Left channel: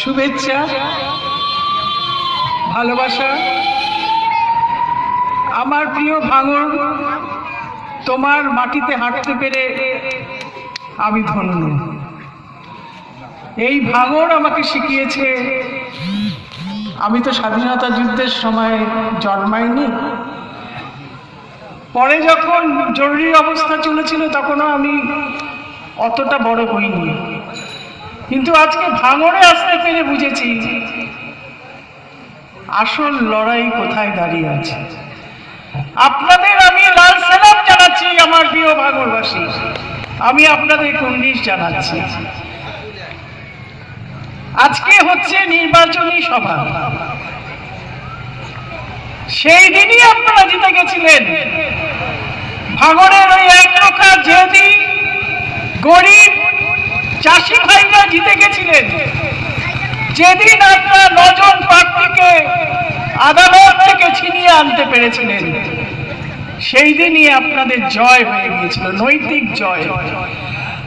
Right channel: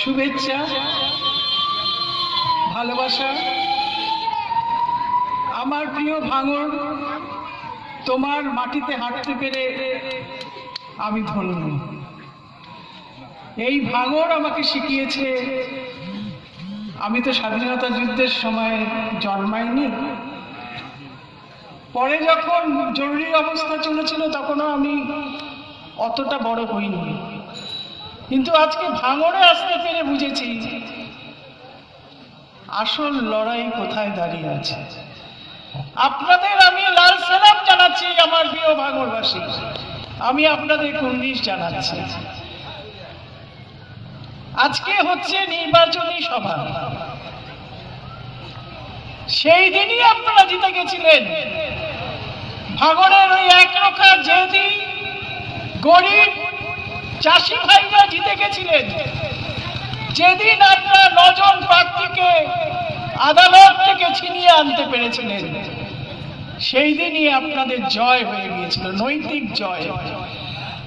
শুভেচ্ছা, ভালোবাসা। আমার প্রিয় ভাঙর তোমার মাটিতে হাঁটতে পেরে আমি ধন্য। এই ভাঙর আমাকে শিখিয়েছে, আমি তো স্বাধীনতা যুদ্ধের সময় জন্মাইনি। পরে যখন জরুরি অবস্থা চলেছিল, তখনও আমি অতটা বড় হইনি। কিন্তু আজকে ভাঙড়ে আসতে পেরে বুঝেছি আসল লড়াই কোথায় দাঁড়িয়ে আছে। আপনাদের আমি লাল সেলাম জানাচ্ছি, আমার প্রিয় ভাঙড়বাসী আমি আপনাদের কুন্ডিস জানাচ্ছি। আজকে হচ্ছে নির্বাচনী সভা। সেই দিনই আপনারা জিতে গেছিলেন। ভাঙড়ের ওই এক রক্ষা যেদি গরিব চাষি ভাইরা জিতে গেছিলেন। যেদিন আপনারা নজন প্রার্থীকে আদালত থেকে ছিনিয়ে আনতে পেরেছিলেন, সেই দিনই আপনাদের জয় হয়ে গিয়েছিল, নৈতিক জয়।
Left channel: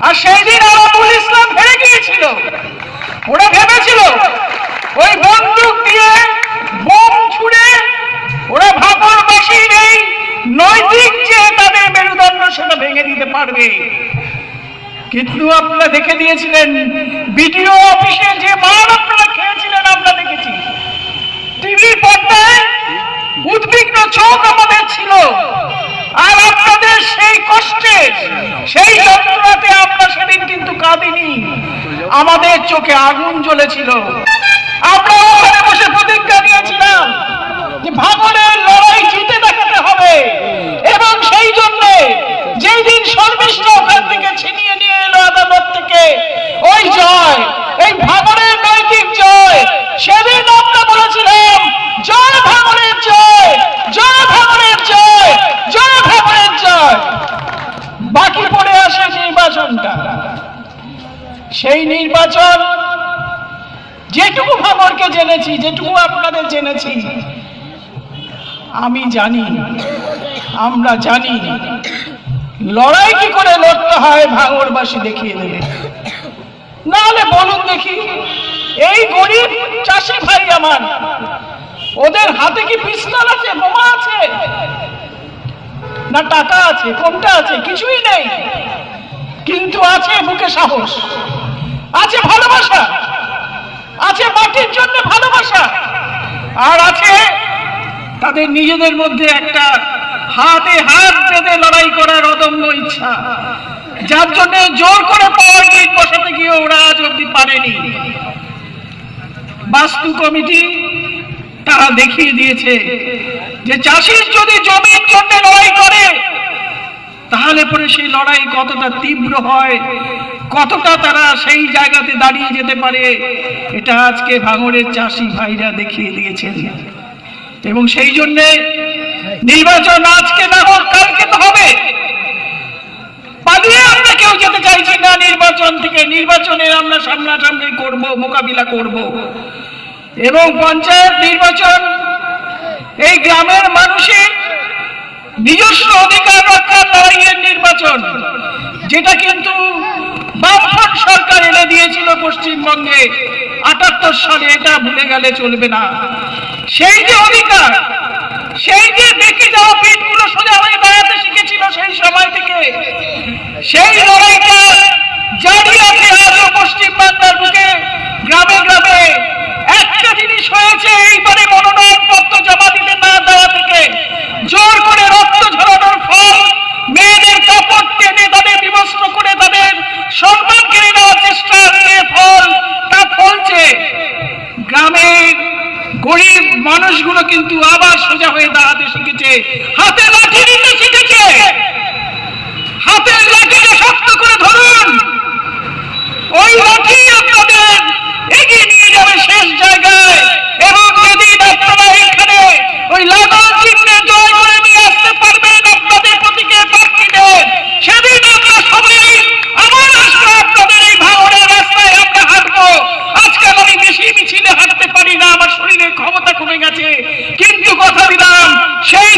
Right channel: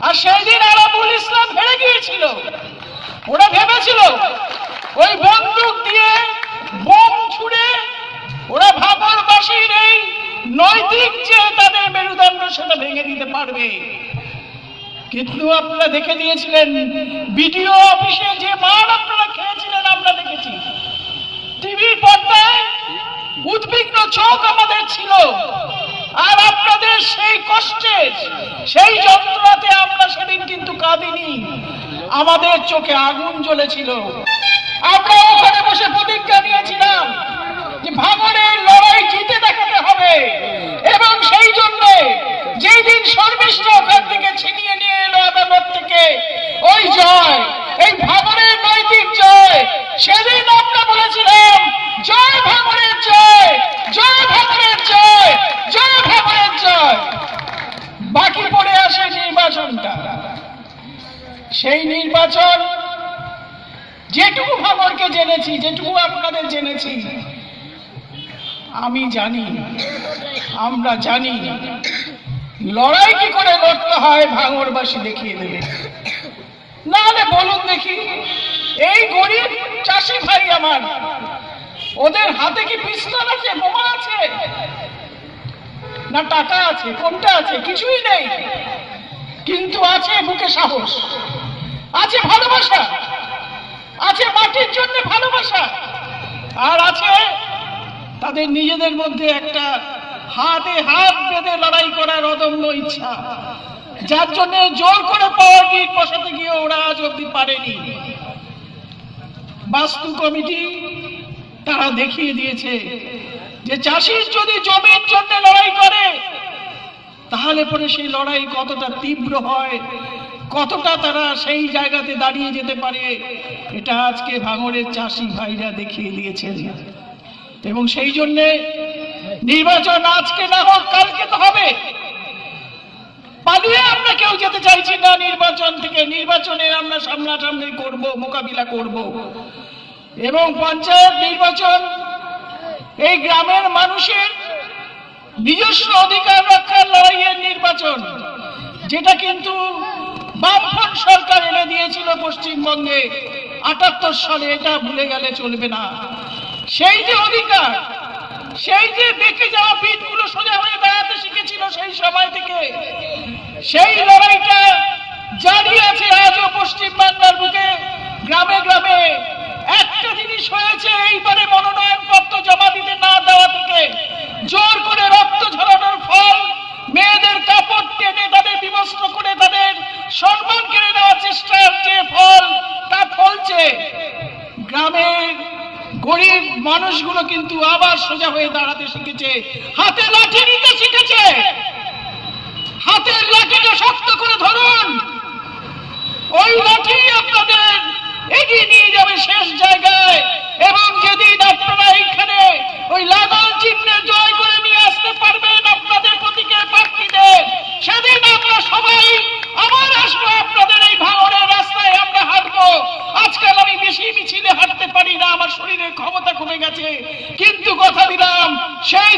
আর সেই দিন আরাবুল ইসলাম হেরে গিয়েছিল। ওরা ভেবেছিল, ওই বন্দুক দিয়ে বোম ছুড়ে ওরা ভাগরবাসীর এই নৈতিক যে তাদের মেরুদণ্ড সেটা ভেঙে দিতে পারবে। কিন্তু আপনারা দেখে দিয়েছিলেন, বিডিও অফিসে যে মার আপনারা খেয়েছিলেন, আমরা দেখেছি। টিভির পর্দায় উদ্বিগ্ন চোখ আমাদের ছিল। আর আপনাদের সেই কষ্টে, সেই যন্ত্রণাতে আমরা সেদিন কিন্তু কাঁদিনি। আমাদের চোখে আগুন জ্বলেছিল। আমরা ওখানে বসে প্রতিজ্ঞা নিয়েছিলাম যে ভাঙনের লড়াই জিতে দেখাতে হবে এবং সেই জন্য যেই দিন শর্মিষ্ঠ ওখান থেকে ছিনিয়ে নিয়ে এলো আদালত থেকে ওই জয় এই ভাঙনের নৈতিক জয় সেদিন আমরা বলেছিলাম জয় ভাঙনের জয় জয় ভাঙনের জয় জয় ভাঙনের জয় বাকি পড়ে আসে নির্বাচনটা সেই নির্বাচন, যেটুকু ভাঙরকে জেনেছি, যেটুকু আপনাদের জেনেছি, আমি জানি, আমরা জানি, লড়াই কি করে লড়তে হয় ভাঙরবাসী দেখিয়ে দেবে। নাহলে বলুন দেখি, এই গরিব চাষি ভাই আমার, ওদের হাতে কি পিস্তল আছে, বোমা আছে? না টাকা আছে, কোনটা আছে, কিছুই নেই। কিন্তু আছে বুকে সাহস। আছে ভালোবাসা আছে মাটির জন্য ভালোবাসা। আর আছে তাদের নিজেদের মধ্যে একটা হাতে হাত বেঁধে লড়াই করার অদম্য ইচ্ছা। যার জন্য জোর করে পাওয়ার গিট বসাতে গিয়ে ওরা আজ অব্দি পারেনি। বাস্তু কমিটি তারা দেখিয়ে দিয়েছে যে চাষির যদি জমির জন্য লড়াই করে তাহলে পরে সেই লড়াই কতটা তীব্র হয়? কতটা তারা সেই জায়গাতে দাঁড়িয়ে যেতে পারে? এটা আজকে ভাঙড়ের চাষি ভাইরা দেখিয়ে দিয়েছেন। এবং সেই জন্যে নির্বাচন আজকে না হোক, কালকে তো হবে। পালিয়ে আমরা কেউ যেতে চাইছি না নির্বাচন থেকে। নির্বাচনের আমরা সামনাসামনি করব, মোকাবিলা করব। এবং পঞ্চায়েত নির্বাচন এই গ্রামের মানুষের নিজস্ব অধিকার রক্ষার লড়াইয়ের নির্বাচন, যেটা কিন্তু বামফ্রন্ট সরকার এনে দিয়েছিল পশ্চিমবঙ্গে। আটাত্তর সালে এটা ভুলে গেলে চলবে না। সেই যে অধিকার, সেই যে দেখে যাওয়া পিঠগুলো সোজা হয়ে দাঁড়াতে শিখেছিল সেই সময় থেকে, সেই লড়াইটা জারি বিবস্ত্র করে তাদের সম্মান কেড়ে নেওয়ার চেষ্টা যে ফল, তা ফলছে। গ্রামের গরিব মানুষগুলো কিন্তু আবার সোজা হয়ে দাঁড়াতে শিখেছে। হাতে লাঠি শিখেছে। হাতের লাঠিকে শক্ত করে ধরুন। ওই লাঠি ক্ষমতা কমে গেছে। কিন্তু কথা দিলাম সেই